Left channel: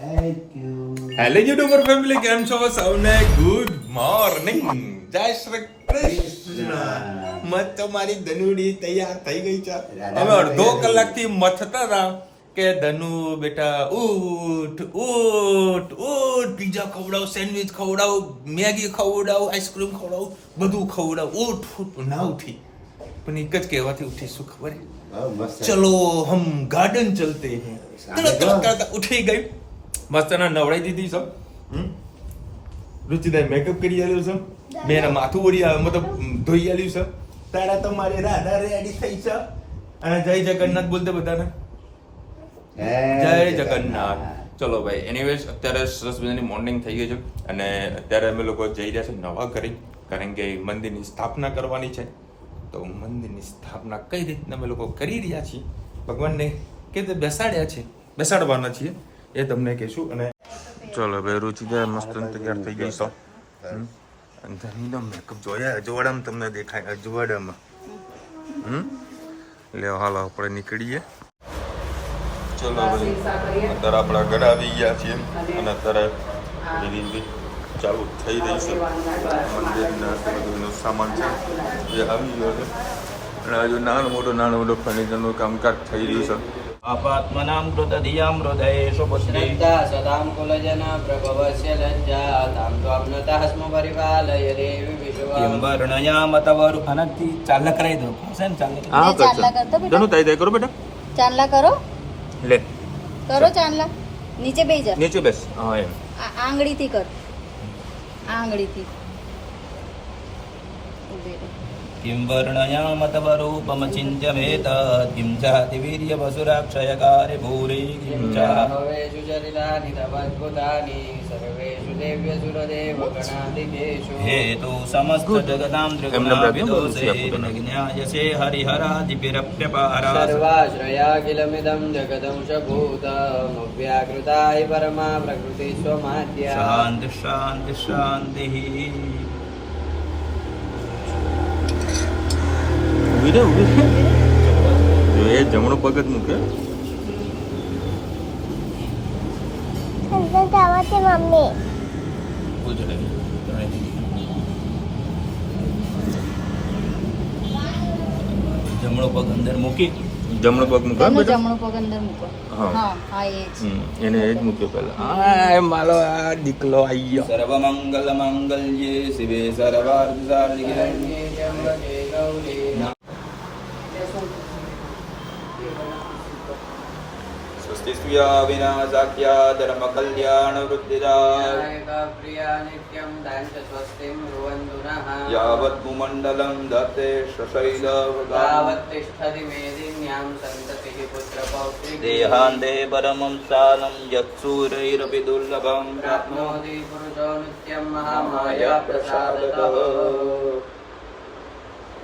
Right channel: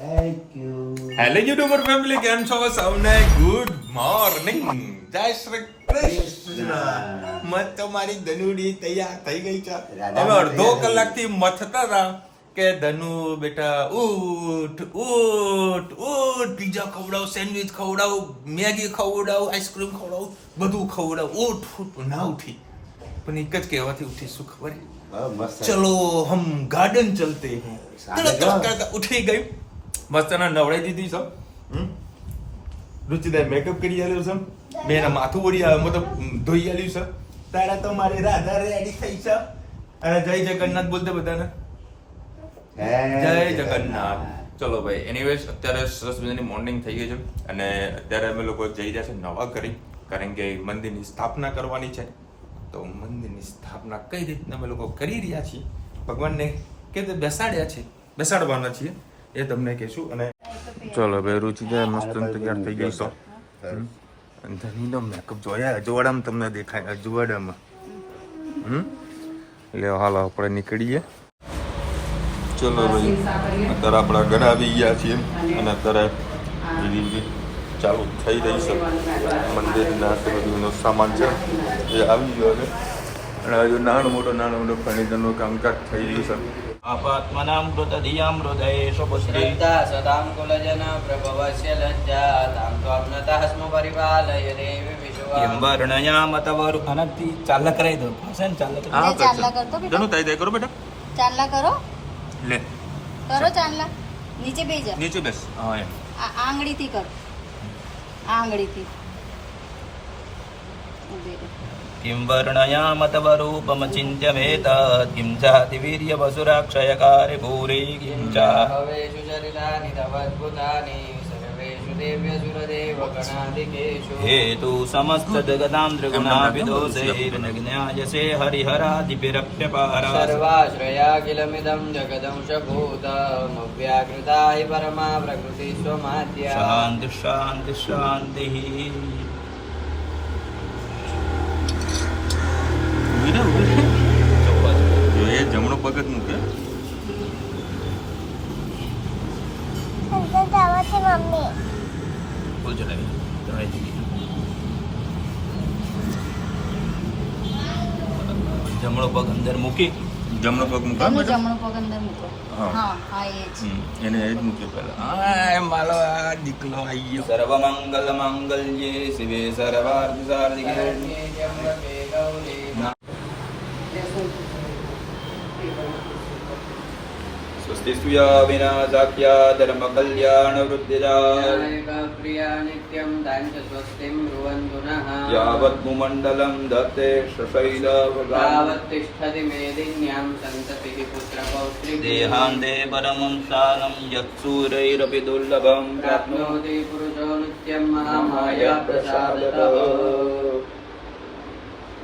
Hello YouTuber family, કેમ છો સૌને? ગુડ મોર્નિંગ, જય શ્રી કૃષ્ણ. મત તો મારી ધનુડી તૈયાર થઈ ગઈ છે. હવે અડધો કલાકથી મથતા હતા કે ધનુ બેટા ઉઠ ઉઠ ઉઠ, પીઝા ખવડાવ, સેન્ડવિચ ખવડાવ, મેગી ખવડાવ, આઈસ્ક્રીમ ખવડાવ, બધું ખવડાવ, ઉઠ ઉઠ. ના ઉઠી, પણ એક જ કહેવાથી ઉઠી. શું ખબર હે? ચલો હમ ગાર્ડન ચલતે હૈ. તરત કરતા ઉઠી ગઈ, મસ્ત એને નવડાઈ દીધી છે. રુચિદાય મેકઅપ કરી આલ્યું છે, મેં એના માથું ઓળી મતલબ ધોઈ આલ્યું છે. તારા તો મારી રાધા રેડી થઈ છે. અને જય જગન્નાથ બોલતે બધાને જય જગન્નાથ. ચલો ભાઈ, એનીવેઝ અત્યારે સરસ મજાની મોર્નિંગ થઈ ગઈ છે અને અત્યારે અમે લોકો જઈ રહ્યા છે નવા ઘરે, કારણ કે મંદિરની સ્થાપના કરવાની છે. તો મંદિરની સ્થાપના કઈ રીતના અમે લોકો કરી રહ્યા છીએ, ભગવાનને કે બેસાડ્યા છે, બેસાડવાના છીએ, એ તમને કહેશું. અને ચલો ભાઈ, રુચિદા મસ્ત તૈયાર થઈ ગઈ છો. ધનીનો મેકઅપ જોયા અજવાડામાં તમને દેખાય, અજવાડામાં. એટલે હાલો આપણે નીકળીએ. ચલો ભાઈ, અત્યારે આપણા ઘરે આવી ગયા છીએ અને અત્યારે ચાલુ થઈ રહી છે મંદિરના બધું સામાન છે એ આવી ગયો છે. અને હજુ નાનું મોટું ફર્નિચરનું કામકાજ થઈ રહ્યું છે. આપાત્મનામ કૃતધિયામ હૃદયેષુ બુદ્ધિ સદામ કુલજના પ્રભવસ્ય લજ્જા તામ ત્વમ્નતઃ સ્મ પરિપાલય દેવી વિશ્વા યમ વર્ણયામ તવરુ અનંતિ. ચાલના કરાઈ દો છે ને? ચાલના કરતો બેટા. દોનો તાઈ કરો બેટા, ચાલના કરો. લે કરો ચાલના. નીચે બેસી જા, નીચે બેસ. હા એમ આંગળીથી કર, આંગળીથી ઉભે રહે. किं वर्णयाम तव रूपमचिन्त्यमेत किं चाति वीर्यवसुराक्षयकारि भूरि किं च भवेषु चरितानि तवद्भुतानि सर्वेषु देव्यसुरदेवगणादिकेषु हेतु समस्तजगतां त्रिगुणाभिदोषैर्नज्ञायसे हरिहरादिभिरप्यपारा सर्वाश्रयाखिलमिदं जगदंशभूतमव्याकृताय परमा प्रकृतिस्वमाद्या शान्तिः शान्तिः शान्तिः. એ જમણો પગ જ મૂકે. જમણો પગ અંદર મૂકી, જમણો પગ મૂકે એનો બેટા. જમણો પગ અંદર મૂકો. હા. હા હા, એ જ. એને એ જ મૂકે પહેલા. હા, મારો આ દીકલો આવી ગયો. સર્વમંગલ મંગલ્યે શિવે સર્વાર્થ સાધિકે. स्वस्ति स्त्रिया विनाशाख्या धर्म कल्याण वृद्धिदा प्रिया नित्यं दाञ्च स्वस्तिं ब्रुवन्तु नः यावत् भूमण्डलं दत्ते शशैल तावत् तिष्ठति मेदिन्यां सन्ततिः पुत्रपौत्रिकी देहान्ते परमं स्थानं यत्सूरैरपि दुर्लभं प्राप्नोति पुरुषो नित्यं महामाया प्रसादतः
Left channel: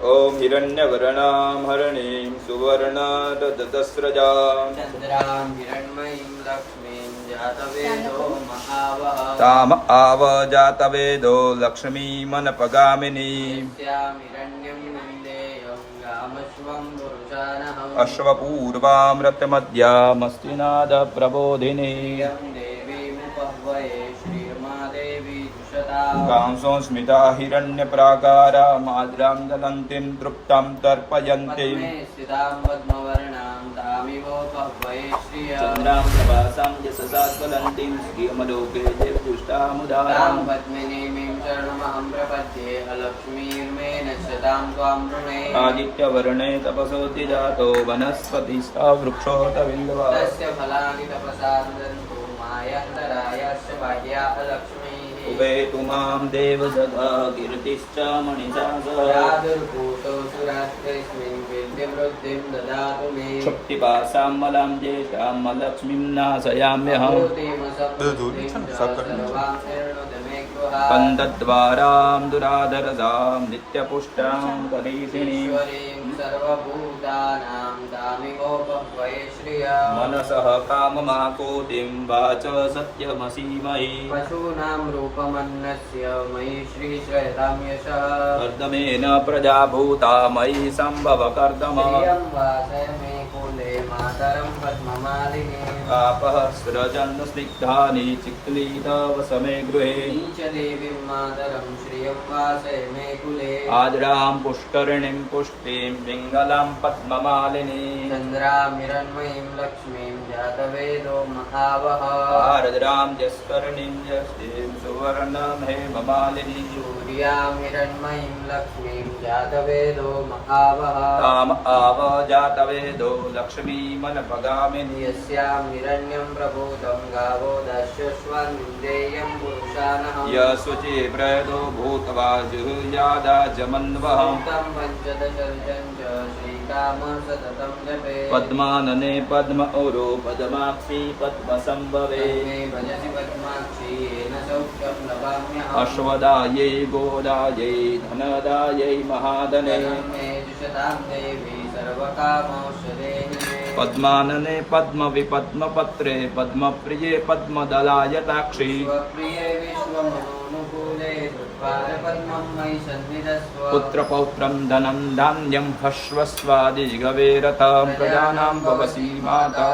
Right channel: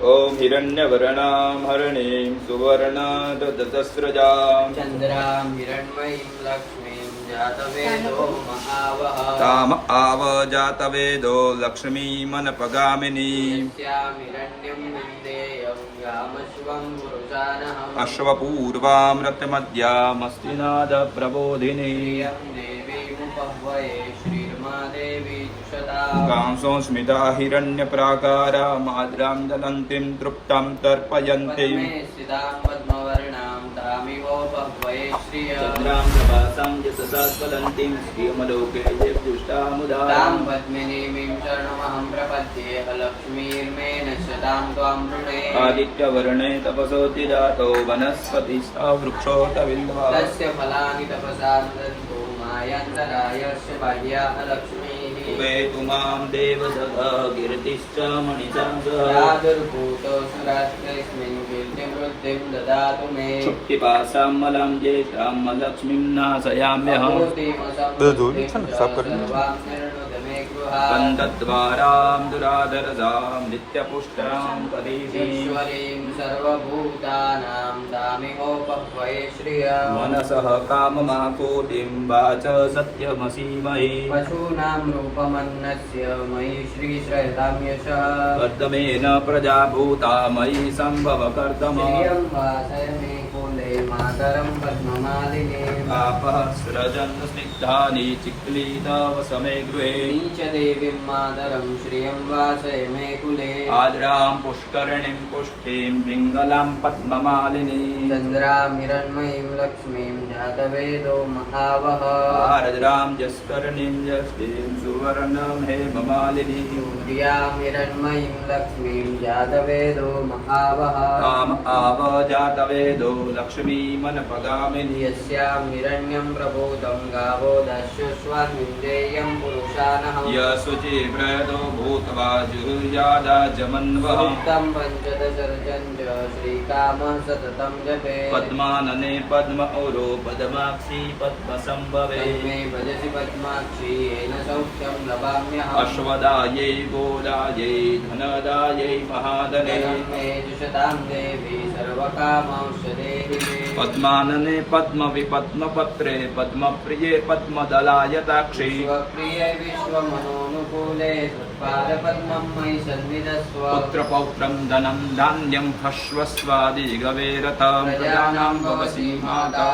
ॐ हिरण्यवर्णां हरणीं सुवर्णदतस्रजां चन्द्रां हिरण्मयीं लक्ष्मीं जातवेदो महावः ताम आव जातवेदो लक्ष्मीमनपगामिनीं यस्यां हिरण्यं विन्देयं यामश्वं पुरुषानहम् अश्वपूर्वामृतमद्यामस्तिनाद प्रबोधिनी यं देवीमुपह्वये श्रीर्मादेवी दुषता कांसो स्मिता हिरण्यप्राकारा माद्रां ददन्तीं तृप्तां तर्पयन्तीं स्थितां पद्मवर्णां तामिवोपह्वये श्रिया चन्द्रां वासां यशसा स्वदन्तीं श्रियमलोके पुष्टामुदारां तां पद्मिनीं शरणमहं प्रपद्ये अलक्ष्मीर्मेण सदां त्वां वृणे आदित्यवर्णे तपसोऽतिजातो वनस्पतिस्था वृक्षोत बिल्वा तस्य फलानि तपसा दन्तो मायान्तरायस्य बाह्या अलक्ष्मीः उपेतु मां देवसभा कीर्तिश्च मणिषा यादुर्भूतो सुराष्ट्रेऽस्मिन् कीर्तिवृद्धिं ददातु मे क्षुप्तिपासां मलां ज्येष्ठां लक्ष्मीं नाशयाम्यहम् कन्दद्वारां दुराधरसां नित्यपुष्टां तदैषिणीं ईश्वरीं सर्वभूतानां दामिकोपह्वये श्रिया मनसः काममाकोटिं वाच सत्यमसीमहि पशूनां रूपमन्नस्य मयि श्रीश्रयतां यशः कर्दमेन प्रजाभूता मयि सम्भव कर्दम प्रियं वासय मे कुले वन्दे मातरं पद्ममालिनीम् आपः स्रजन्तस्निग्धानि चिक्लीताव समे गृहे च देवीं मातरं श्रियं वासय मे कुले आद्रां पुष्करिणीं पुष्टिं पिङ्गलां पद्ममालिनीं चन्द्रां हिरण्मयीं लक्ष्मीं जातवेदो महावः आर्द्रां जस्करणीं जस्तिं सुवर्णं हेममालिनीं सूर्यां हिरण्मयीं लक्ष्मीं जातवेदो महावः काम आव जातवेदो लक्ष्मीमनपगामिनी यस्यां हिरण्यं प्रबोधं गावो दस्युष्वन्विन्देयं पुरुषानः यशुचिव्रतो भूत्वा जुर्यादा जमन्वः सूक्तं पञ्चदशरजं च श्रीकामः सततं जपे पद्मानने पद्म औरो पद्माक्षी पद्मसम्भवे तन्मे भजति पद्माक्षी येन सौख्यं लभाम्यहम् अश्वदायै गोदायै धनदायै महादने मे जुषतां देवी सर्वकामौषधे पद्मानने पद्मविपद्मपत्रे पद्मप्रिये पद्मदलायताक्षी स्वप्रिये विश्वमनोनुकूले त्वत्पादपद्मं मयि सन्निधस्व पुत्रपौत्रं धनं धान्यं हश्वस्वादिगवेरथं प्रजानां भवसि माता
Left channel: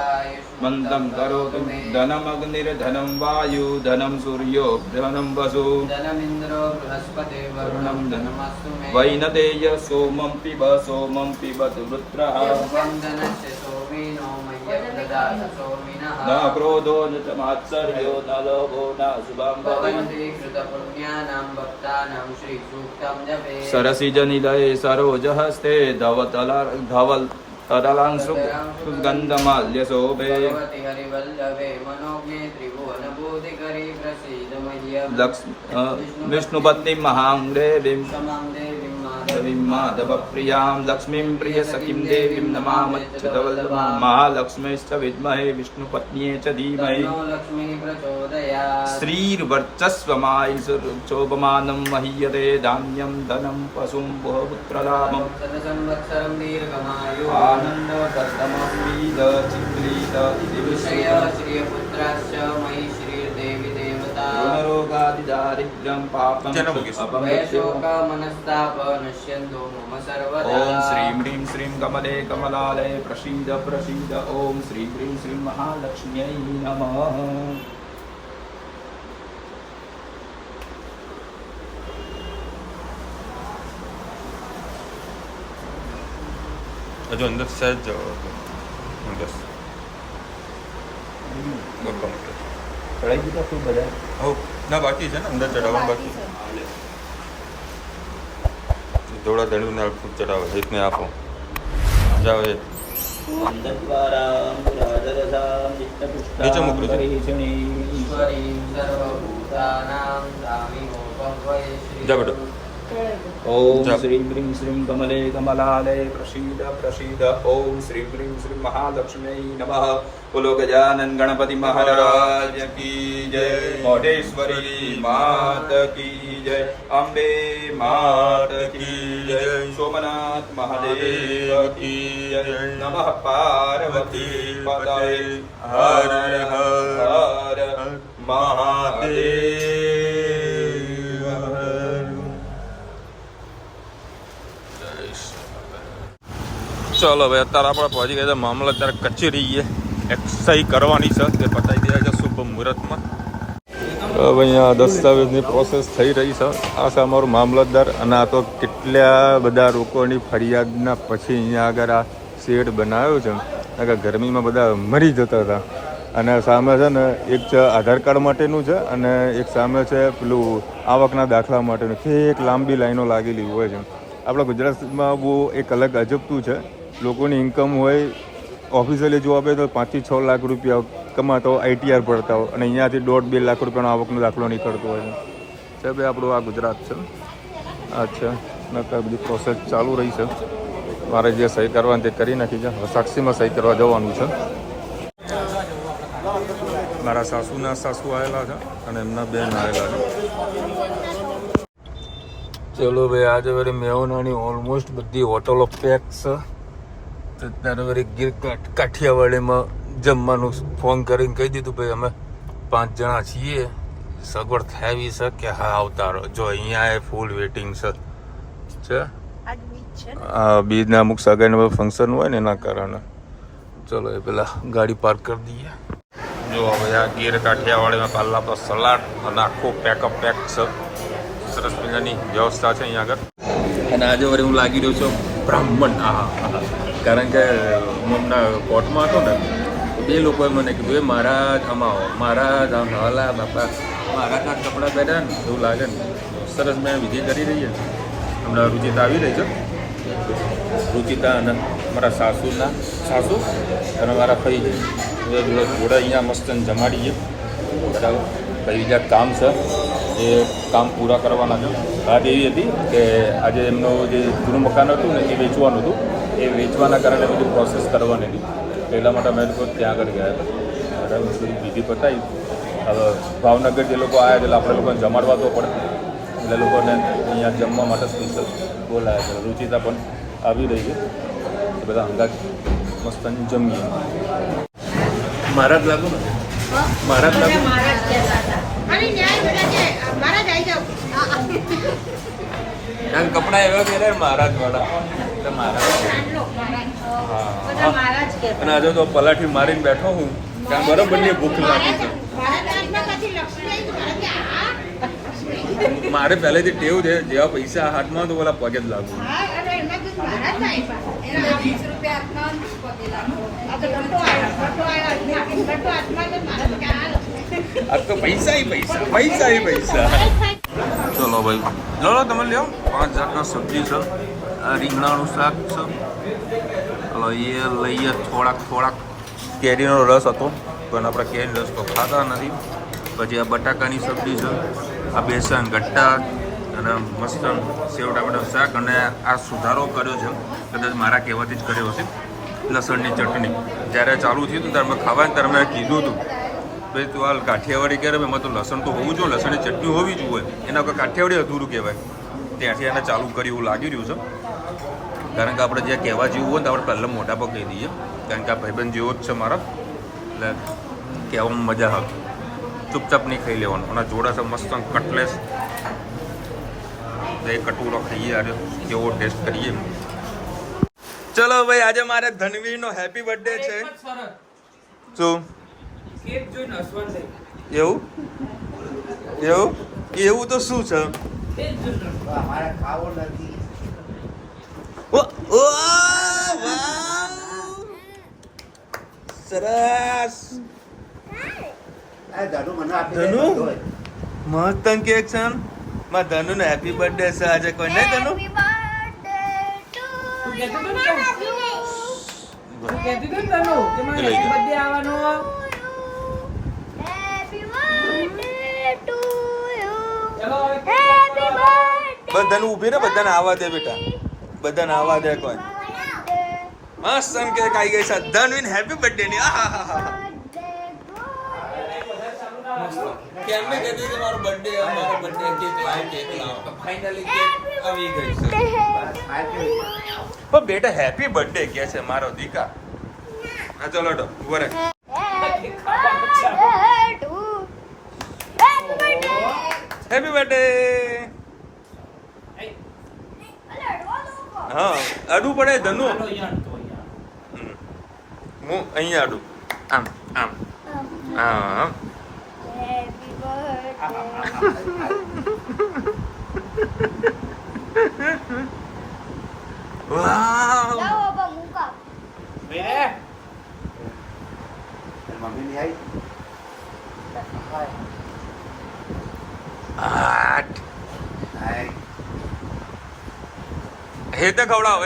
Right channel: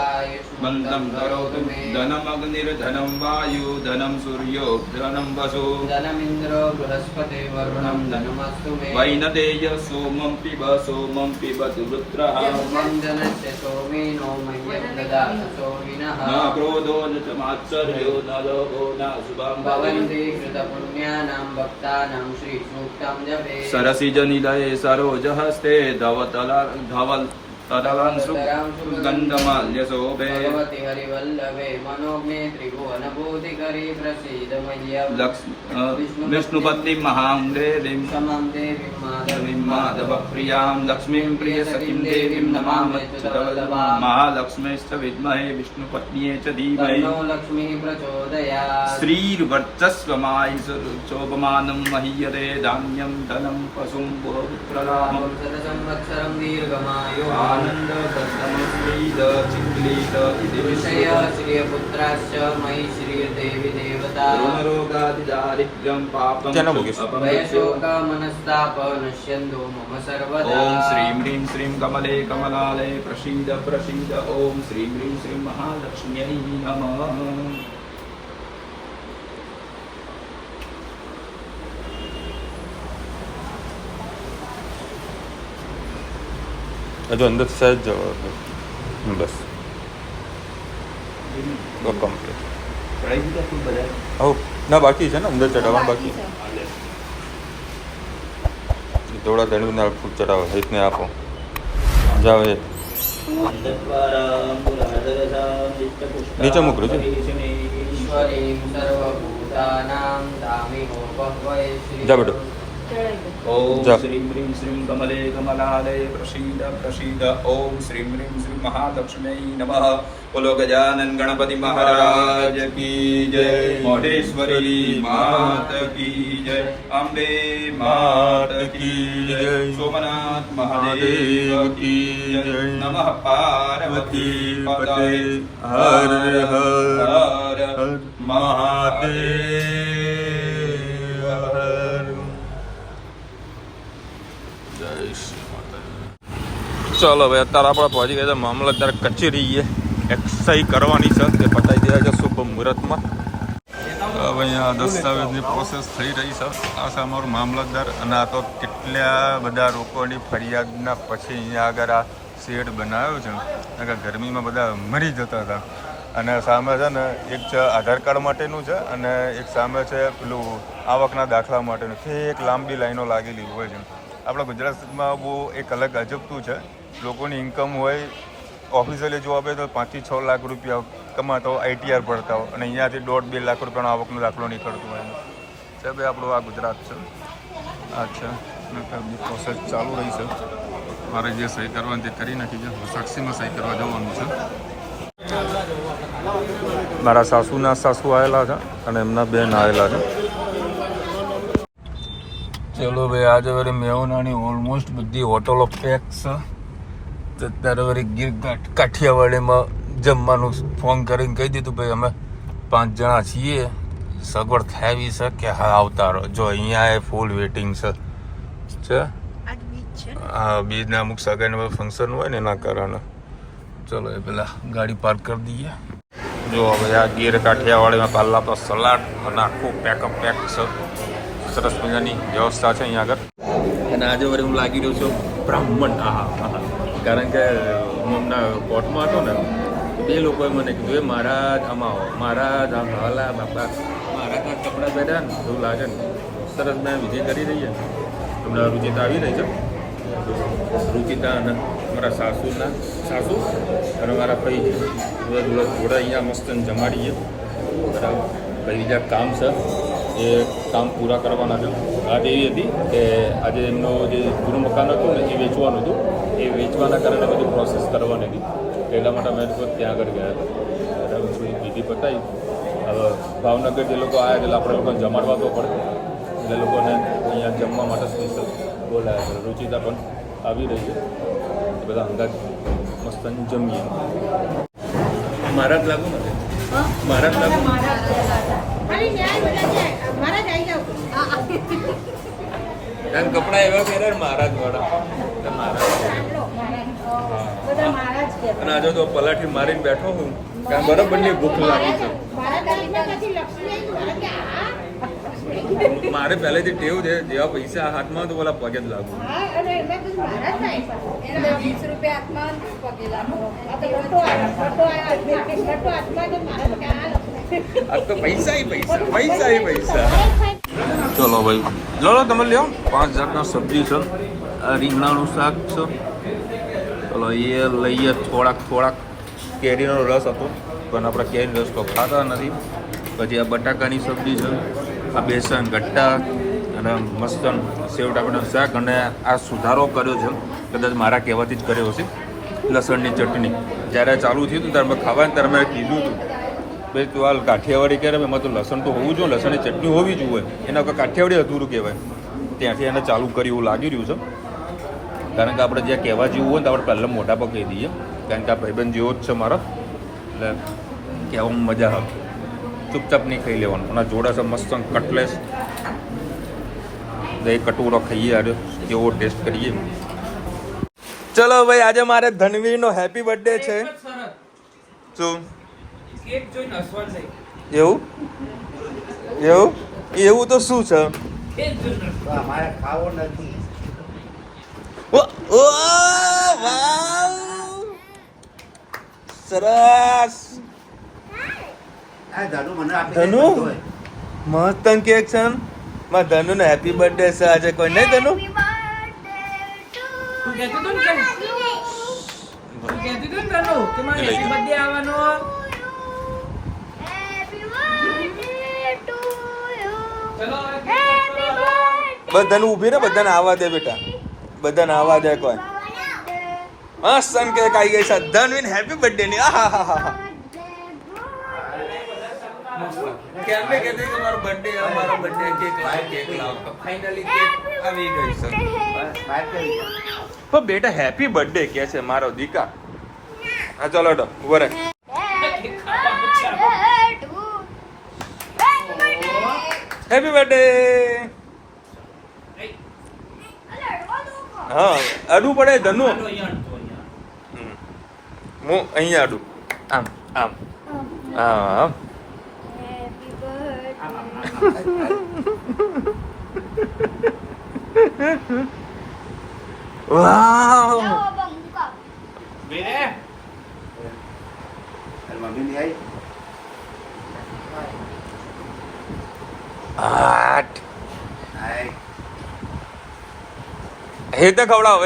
मन्दं करोतु धनमग्निर्धनं वायु धनं सूर्यो धनं वसु धनमिन्द्रो बृहस्पति वरुणं धनमस्तु मे वैनदेय सोमं पिबतु वृत्रः यं धनस्य सोमिनो मह्यं ददातु सोमिनः न क्रोधो न च मात्सर्यो न लोभो न शुभं भवन्ति कृतपुण्यानां भक्तानां श्रीसूक्तं जपे सरसिजनिलये सरोजहस्ते धवल तदलांसु गन्धमाल्यशोभे भगवति हरिवल्लभे मनोज्ञे त्रिभुवनभूतिकरी प्रसीद मह्यं विष्णुपत्नीं महां देवीं समां देवीं देवीं माधवप्रियां लक्ष्मीं प्रियसखीं देवीं नमामि महालक्ष्मीश्च विद्महे विष्णुपत्न्यै च धीमहि तन्नो लक्ष्मीः प्रचोदयात् श्रीर्वर्चस्वमायुषोपमानं महीयते धान्यं धनं पशुं बहुपुत्रलाभम् संवत्सरं दीर्घमायुः आनन्दकर्दमश्रीदचिक्लीद इति विषय श्रियपुत्राश्च मयि श्रियदेवी देवता ऋणरोगादिदारिद्र्यं पापं जन्म मुकेश। वयशोक मनस्ताप नश्यन्तु मम सर्वदा ॐ श्रीं ह्रीं श्रीं कमले कमलालये प्रसीद प्रसीद ॐ श्रीं ह्रीं श्रीं महालक्ष्म्यै नमः હજુ અંદર સહેજ જવો બસ કમ્પ્લીટ હો ના બાકી છે ને અંદર ચડાવવાનું બાકી થોડા ધણવીના ફૂલ ચડાવો રીતને આપો જાઓ એ નીચે મોકલો છે ईश्वरीं सर्वभूतानां दामिनोपं वै જા બેટો ॐ जा। श्रीं ह्रीं श्रीं कमले कमलालये प्रसीद प्रसीद ॐ श्रीं ह्रीं श्रीं महालक्ष्म्यै नमः बोलो गजानन गणपति महाराज की जय मोडेश्वरी मात की जय अम्बे मात की जय सोमनाथ महादेव की जय नमः पार्वती पते हर हर महादेव ચાલો ભાઈ અત્યારે આપણે પહોંચી ગયા છે મામલતદાર કચેરીએ એક્સસાઇઝ કરવાની છે તે પતાવી દે છે શુભ મુહૂર્તમાં તો ભાઈ અહીંયા દસ્તાવેજની પ્રોસેસ થઈ રહી છે આ છે અમારું મામલતદાર અને આ તો કેટલા બધા લોકોની ફરિયાદના પછી અહીંયા આગળ આ શેડ બનાવ્યો છે કારણ કે ગરમીમાં બધા મરી જતા હતા અને સામે છે ને એક છે આધાર કાર્ડ માટેનું છે અને એક સામે છે પેલું આવકના દાખલા માટેનું છે એક લાંબી લાઈનો લાગેલી હોય છે આપણા ગુજરાતમાં બહુ એક અલગ અજબતું છે લોકોની ઇન્કમ હોય ઓફિશિયલી જોવા આપે તો 5 થી 6 લાખ રૂપિયા કમાતો આઈટીઆર ભરતા હોય અને અહીંયાથી 1.5-2 લાખ રૂપિયાનો આવકનો દાખલો નીકળતો હોય છે ભાઈ આપણું આ ગુજરાત છે અચ્છા નકર બધી પ્રોસેસ ચાલુ રહી છે મારે જે સહી કરવાની તે કરી નાખી છે સાક્ષીમાં સહી કરવા જવાનું છે મારા સાસુના સાસુ આવેલા છે અને એમના બેન આવેલા છે ચલો ભાઈ આજે વળી મેહોનાની ઓલમોસ્ટ બધી હોટલો પેક છે તો ત્યારે વળી ગીર કાઠિયાવાડીમાં જમવાનું ફોન કરીને કહી દીધું ભાઈ અમે 5 જણા છીએ સગવડ થાવી છે કે હા આવતા રહો જો અહીંયા એ ફૂલ વેટિંગ છે બીજના અમુક સગાઈના ફંક્શન હોય ને એના કારણે ચલો એ પેલા ગાડી પાર્ક કરી દઈએ. જો હવે આ ગીર કાઠિયાવાડીમાં પહેલાં તો સલાડ અને આખું પેકઅપ પેક છે. સરસ મજાની વ્યવસ્થા છે અહીંયા આગળ. અને આજે વળી હું લાગી રહ્યો છું બ્રાહ્મણ. હા, કારણ કે હું હમણાં કોર્ટમાં હતો ને તો બે લોકોએ મને કીધું એ મહારાજ આમાં આવો, મહારાજ આમ હાલા બાપા મારા કાંક કપડાં પહેર્યા ને એવું લાગે ને. સરસ મેં વિધિ કરી રહી છે. હમણાં રુચિતા આવી રહી છે. રુચિતા અને મારા સાસુ અને મારા ભાઈ જોડે અહીંયા મસ્ત જમાડીએ બરાબર. ભાઈ બીજા કામ છે એ કામ પૂરા કરવાના છે. વાત એવી હતી કે આજે એમનું જે જૂનું મકાન હતું ને એ વેચવાનું હતું. એ વેચવાના કારણે બધી પ્રોસેસ કરવાની હતી. એટલા માટે અમે લોકો ત્યાં આગળ ગયા હતા બરાબર. બધી વિધિ પતાવી. હવે ભાવનગર જે લોકો આવ્યા એટલે આપણે લોકોને જમાડવા તો પડે એટલે લોકોને અહીંયા જમવા માટે સ્પેશિયલ બોલાયા છે. રુચિતા પણ આવી રહી છે. બધા હંગાત મસ્ત જમીએ. મહારાજ લાગુ ને મહારાજ લાગુ એમ કપડા એવા પહેરે મહારાજ વાળા એટલે મહારાજ. અને આજે તો પલાઠી મારીને બેઠો હું કારણ બરોબર ની ભૂખ લાગી છે. મારે પહેલેથી ટેવ છે જેવા પૈસા હાથમાં તો પેલા પગે જ લાગુ. આ તો પૈસા. ચલો ભાઈ લો તમે લ્યો. 5 જાતના સબ્જી છે. આ રીંગણાનું શાક છે. ચલો એ લઈએ. થોડાક કેરીનો રસ હતો પણ આપણે કેરીનો રસ તો ખાતા નથી. પછી આ બટાકાની સબ્જી છે. આ બેસન ગટ્ટા અને મસ્ત સેવ ટામેટાનું શાક. અને આ સુધારો કર્યો છે કદાચ મારા કહેવાથી જ કર્યો હશે. લસણની ચટણી જ્યારે ચાલુ થયું હતું ત્યારે મેં ખાવાનું ત્યારે મેં કીધું હતું ભાઈ તું હાલ કાઠિયાવાડી કરે એમાં તો લસણ તો હોવું જોઈએ, લસણની ચટણી હોવી જોઈએ. એના વગર કાઠિયાવાડી અધૂરું કહેવાય. ત્યાંથી એને ચાલુ કર્યું એવું લાગી રહ્યું છે. કારણ કે આપણે જ્યાં કહેવા જેવું હોય ને તો આપણે પહેલાં મોટા પર કહી દઈએ. કારણ કે આ ભાઈબંધ જેવો જ છે મારો એટલે કહેવામાં મજા આવે. ચૂપચાપ નહીં ખાઈ લેવાનું. અને જોડે છે મસ્ત કટલેસ. બે કટોરો ખાઈએ અરે કેવો ટેસ્ટ કરીએ. ચલો ભાઈ આજે મારે ધનવીરનો હેપી બર્થડે છે. શું એવું તો શું છે? સરસ. ધનુ મહત્તમ કેક છે. માં ધનુ નો હેપી બર્થડે છે આજે. કોઈ નહીં ધનુ બધાને ઊભી ને બધાને આવવા દે બેટા. બધાને આવવા દે. કોઈ મસ્ત કેક આવી ગઈ છે ધનવીન હેપી બર્થડે ની. કેમ ને કહેતી કે મારો બર્થડે કેક લાવ તો ફાઇનલી કેક આવી ગઈ છે. પણ બેટા હેપી બર્થડે કે છે મારો દીકા. હા ચલો તો ઉભો રહે. Happy birthday. હા અડું પડે ધનુ. હું અહીંયા અડું આમ હા. વાવ હેતને ખવડાવો.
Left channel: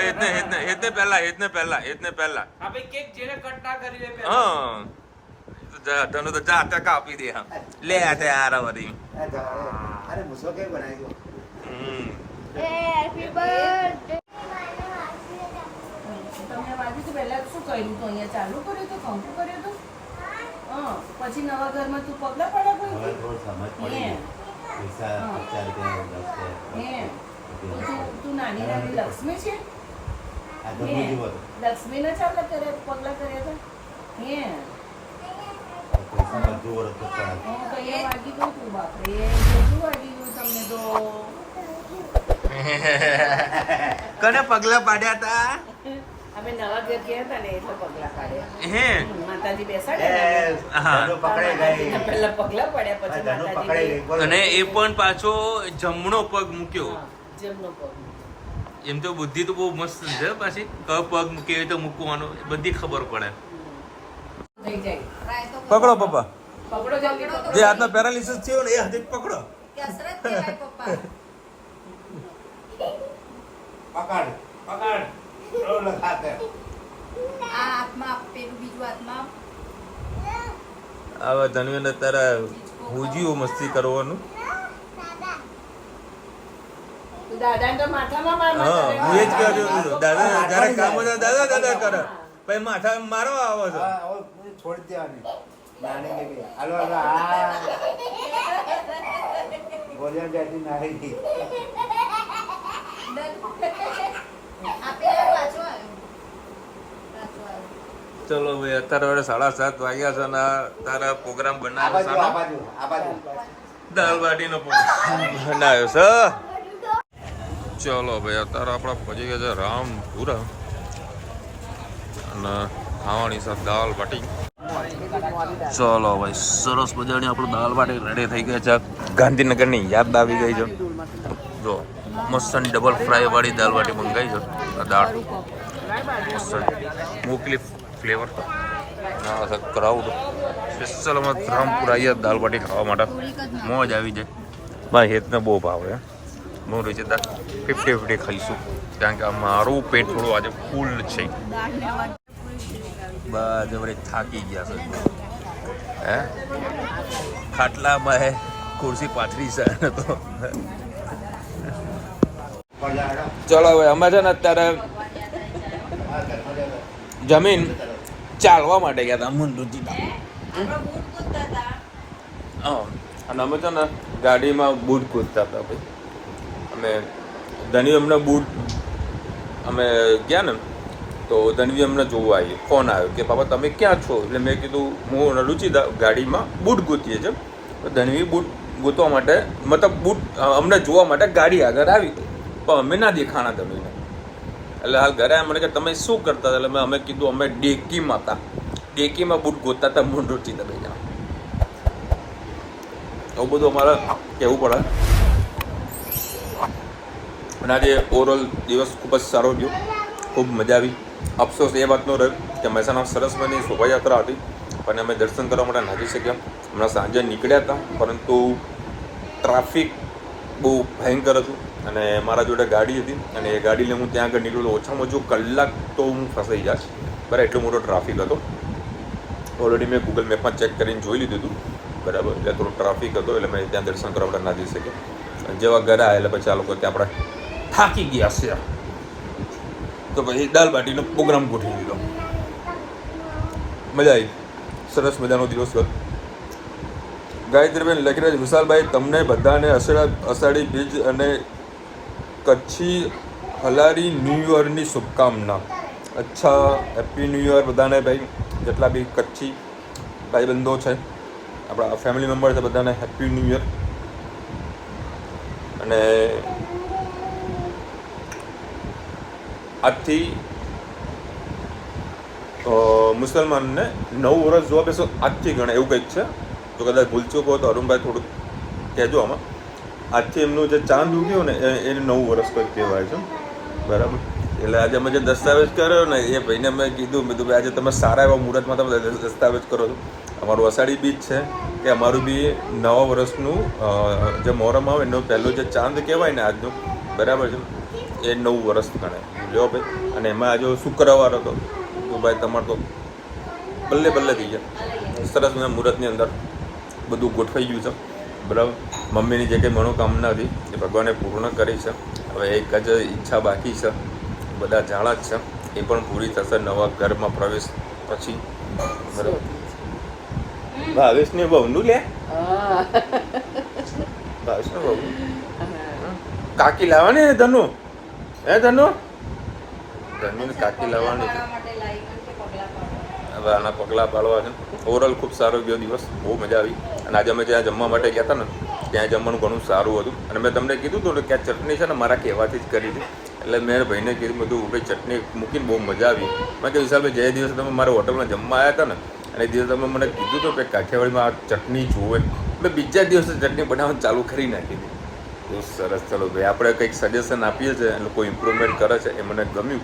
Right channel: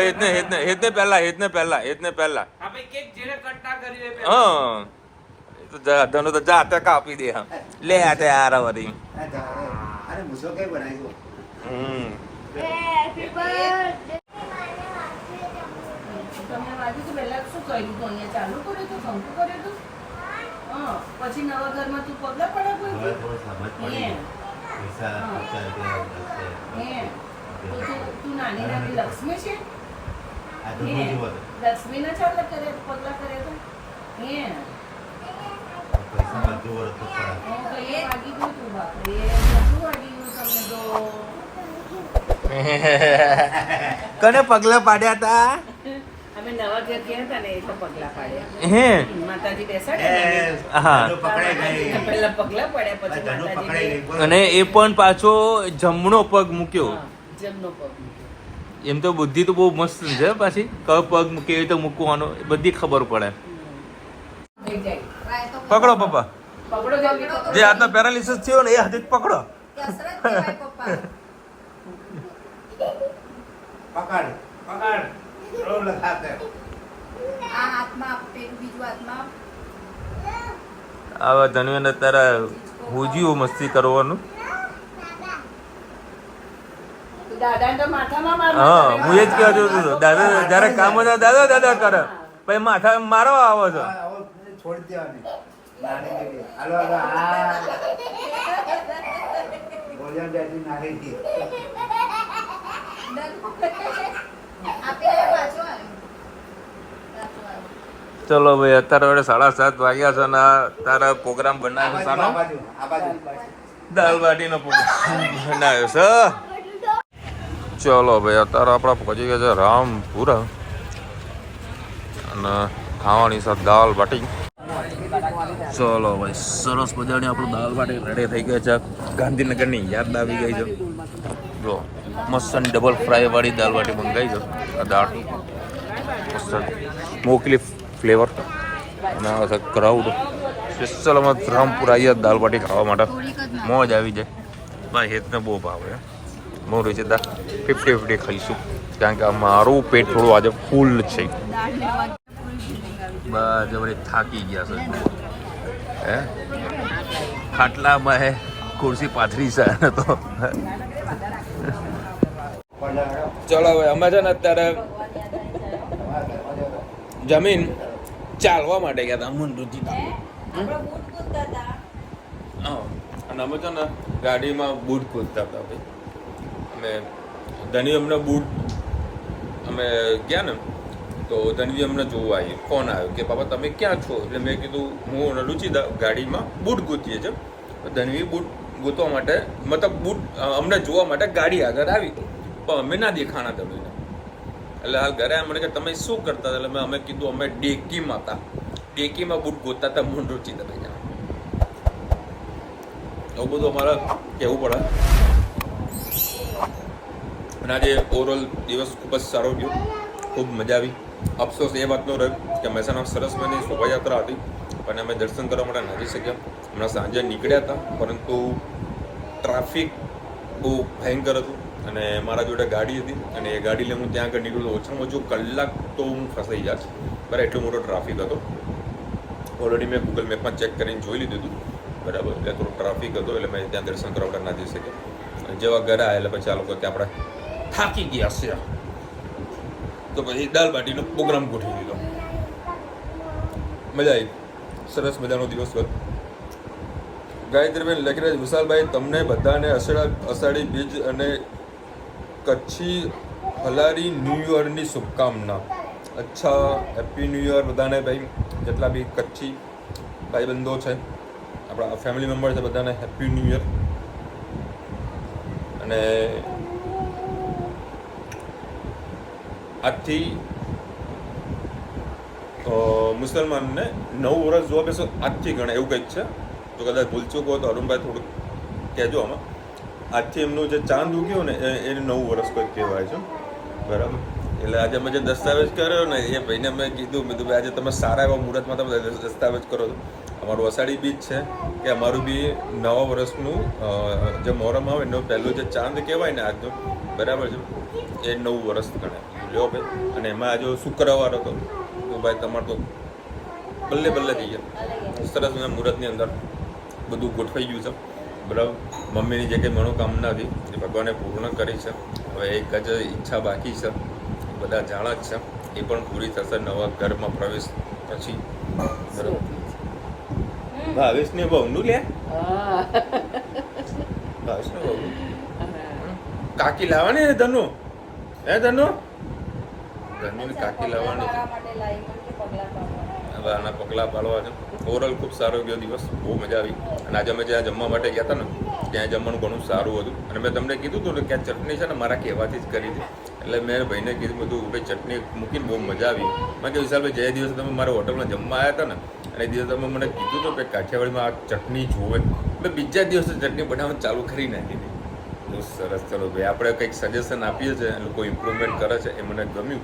હેતને પહેલા હા તો તને તો જાતે કાપી દે. હા લે આ તે આરા વરી. પછી નવા ઘરમાં તું પગલા પડ્યા તું નાની લક્ષ્મી છે. લક્ષ્મી ના ચાલે કરે પગલા કરે તો વાગી ગયું તું બાપરે. વાગી ગયું તમને તો. કને પગલા પાડ્યા તા? અમે નવા ઘર ગયા હતા ને એટલે પગલા પાડ્યા. હે માતાજી બેસાડ્યા હા પેલા પગલા પાડ્યા પછી માતાજી અને એ પણ પાછો જમણો પગ મૂક્યો. જમનો પગ એમ તો બુદ્ધિ તો બહુ મસ્ત છે પાછી કયો પગ કેવી રીતે મૂકવાનો એ બધી ખબર પડે. થઈ જાય. પકડો પપ્પા પકડો જલ્દી પકડો. જે હાથમાં પેરાલિસિસ થયો ને એ હાથે જ પકડો. આવા ધનવીને તારા હુજીઓ મસ્તી કરવાનું. દાદાને તો માથામાં માર હા હું એ જ કહેતો હતો દાદા જયારે કામ હોય દાદા દાદા કરે પછી માથા મારવા આવે છે. છોડી દેવાની નાની બેબી હાલો હાલો હા બોલ્યા બેટી નાની થી ચલો ભાઈ અત્યારે વડે 7:30 વાગ્યા છે ને તારા પ્રોગ્રામ બનાવ્યો છે સાનો આ બાજુ દાલ બાટીનો પ્રોગ્રામ બનાવ્યો છે. ચલો ભાઈ અત્યારે આપણા પહોંચી ગયા છે રામપુરા અને ખાવાની છે દાલ બાટી. ચલો ભાઈ સરસ મજાની આપણું દાલ બાટી રેડી થઈ ગયા છે. ગાંધીનગરની યાદ આવી ગઈ છે. જો મસ્ત ડબલ ફ્રાય વાળી દાલ બાટી મંગાવી છે. આ દાળ મસ્ત મોકલી ફ્લેવર ક્રાઉડ સ્પેશિયલ અમે રામપુરા આવ્યા દાલ બાટી ખાવા માટે. મોજ આવી જાય ભાઈ. હેતને બહુ ભાવે. હું રીચેતા 50-50 ખાઈશું કારણ કે મારું પેટ થોડું આજે ફૂલ છે. બસ વળી થાકી ગયા છે. હે ખાટલામાં હે ખુરશી પાથરી છે તો ચલો હવે અમે છે ને અત્યારે જમીન ચાલવા માટે ગયા હતા મુંડુજીના. અને અમે છે ને ગાડીમાં બૂટ કૂદતા હતા ભાઈ. અમે ધનવી અમને બૂટ અમે ગયા ને તો ધનવી અમને જોવા આવી. ફોન આવ્યો કે બાબા તમે ક્યાં છો? એટલે મેં કીધું હું રુચિદા ગાડીમાં બૂટ ગોતીએ છે. તો ધનવી બૂટ ગોતવા માટે મતલબ બૂટ અમને જોવા માટે ગાડી આગળ આવી પણ અમે ના દેખાણા ધનવીને. એટલે હાલ ઘરે મને કે તમે શું કરતા હતા? એટલે અમે કીધું અમે ડેકીમાં હતા. ડેકીમાં બૂટ ગોતતા હતા મૂળ રુચિદા ભાઈ. એવું બધું અમારે કહેવું પડે. અને આજે ઓવરઓલ દિવસ ખૂબ જ સારો ગયો. ખૂબ મજા આવી. અફસોસ એ વાતનો રહ્યો કે મહેસાણા સરસપુરની શોભાયાત્રા હતી પણ અમે દર્શન કરવા માટે નાખી શક્યા. હમણાં સાંજે નીકળ્યા હતા પરંતુ ટ્રાફિક બહુ ભયંકર હતું અને મારા જોડે ગાડી હતી અને એ ગાડી લઈને હું ત્યાં આગળ નીકળ્યો. ઓછામાં ઓછું કલાક તો હું ફસાઈ જઈશ. બરાબર એટલો મોટો ટ્રાફિક હતો. ઓલરેડી મેં ગૂગલ મેપમાં ચેક કરીને જોઈ લીધું હતું. બરાબર એટલે થોડો ટ્રાફિક હતો એટલે મેં ત્યાં દર્શન કરવા માટે ના જઈ શક્યા. જેવા ઘરે આવ્યા એટલે પછી આ લોકો ત્યાં આપણે થાકી ગયા છે તો પછી દાલ બાટીનો પ્રોગ્રામ ગોઠવી દીધો. મજા આવી. સરસ મજાનો દિવસ હતો. ગાયત્રીબેન લખીરાજ વિશાલભાઈ તમને બધાને અષાઢી બીજ અને કચ્છી હલારી ન્યૂ યરની શુભકામના. અચ્છા હેપી ન્યૂ યર બધાને ભાઈ. જેટલા બી કચ્છી ભાઈબંધો છે આપણા ફેમિલી મેમ્બર છે બધાને હેપી ન્યૂ યર. અને આજથી મુસલમાનને 9 વર્ષ જોવા બેસો આજથી ગણે એવું કંઈક છે. જો કદાચ ભૂલચૂક હોય તો અરુણભાઈ થોડુંક કહેજો આમાં. આજથી એમનું જે ચાંદ ઉગ્યું ને એને 9 વર્ષ કંઈક કહેવાય છે. બરાબર એટલે આજે અમે જે દસ્તાવેજ કર્યો ને એ ભાઈને મેં કીધું ભાઈ આજે તમે સારા એવા મુહૂર્તમાં તમે દસ્તાવેજ કરો છો. અમારું અષાઢી બીજ છે કે અમારું બી નવા વર્ષનું જે મોહરમ આવે એનો પહેલો જે ચાંદ કહેવાય ને આજનો બરાબર છે એ 9 વર્ષ ગણાય. લ્યો ભાઈ. અને એમાં આજે શુક્રવાર હતો તો ભાઈ તમારે તો બલ્લે બલ્લે થઈ ગયા. સરસ મને મુહૂર્તની અંદર બધું ગોઠવાઈ ગયું છે. બરાબર મમ્મીની જે કંઈ મનોકામના હતી એ ભગવાને પૂર્ણ કરી છે. હવે એક જ ઈચ્છા બાકી છે. બધા જાણા જ છે એ પણ પૂરી થશે નવા ઘરમાં પ્રવેશ પછી. બરાબર ભાવેશને બહુનું લે ભાવેશને બહુ કાકી લાવવાની ને ધનુ હે ધનુ ધનુને કાકી લાવવાની છે. હવે આના પગલાં પાડવા છે. ઓવરઓલ ખૂબ સારો ગયો દિવસ. બહુ મજા આવી. અને આજે અમે જ્યાં જમવા માટે ગયા હતા ને ત્યાં જમવાનું ઘણું સારું હતું. અને મેં તમને કીધું હતું કે આ ચટણી છે ને મારા કહેવાથી જ કરી હતી એટલે મેં ભાઈને કીધું બધું ભાઈ ચટણી મૂકીને બહુ મજા આવી. મેં કીધું વિશાલભાઈ જે દિવસે તમે મારા હોટલમાં જમવા આવ્યા હતા ને અને એ દિવસે તમે મને કીધું હતું કે કાઠિયાવાડીમાં આ ચટણી જોવે, એટલે બીજા દિવસે ચટણી બનાવવાનું ચાલુ કરી નાખી હતી. બહુ સરસ. ચલો ભાઈ આપણે કંઈક સજેશન આપીએ છીએ, લોકો ઇમ્પ્રુવમેન્ટ કરે છે, એ મને ગમ્યું.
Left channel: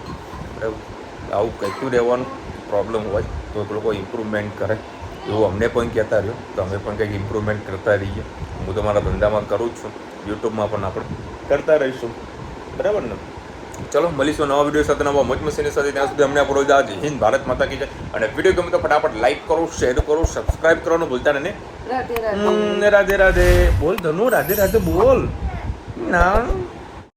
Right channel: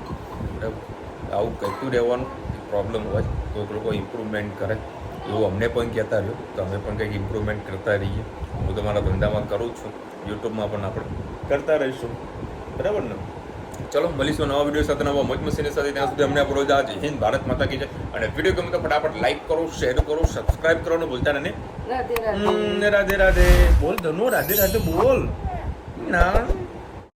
આવું કહેતું રહેવાનું, પ્રોબ્લેમ હોય તો લોકો ઇમ્પ્રુવમેન્ટ કરે એવું અમને પણ કહેતા રહ્યો, તો અમે પણ કંઈક ઇમ્પ્રુવમેન્ટ કરતા રહીએ. હું તો મારા ધંધામાં કરું જ છું, યુટ્યુબમાં પણ આપણે કરતા રહીશું, બરાબર ને? ચલો મળીશું નવા વિડીયો સાથે, નવા મોજ મસ્તીની સાથે. ત્યાં સુધી અમને આપણો જય હિન્દ, ભારત માતા કી જય. અને વિડીયો ગમે તો ફટાફટ લાઈક કરો, શેર કરો, સબસ્ક્રાઇબ કરવાનું ભૂલતા નહીં. રાધે રાધે. રાધે રાધે બોલ ધનુ, રાધે રાધે બોલ ના.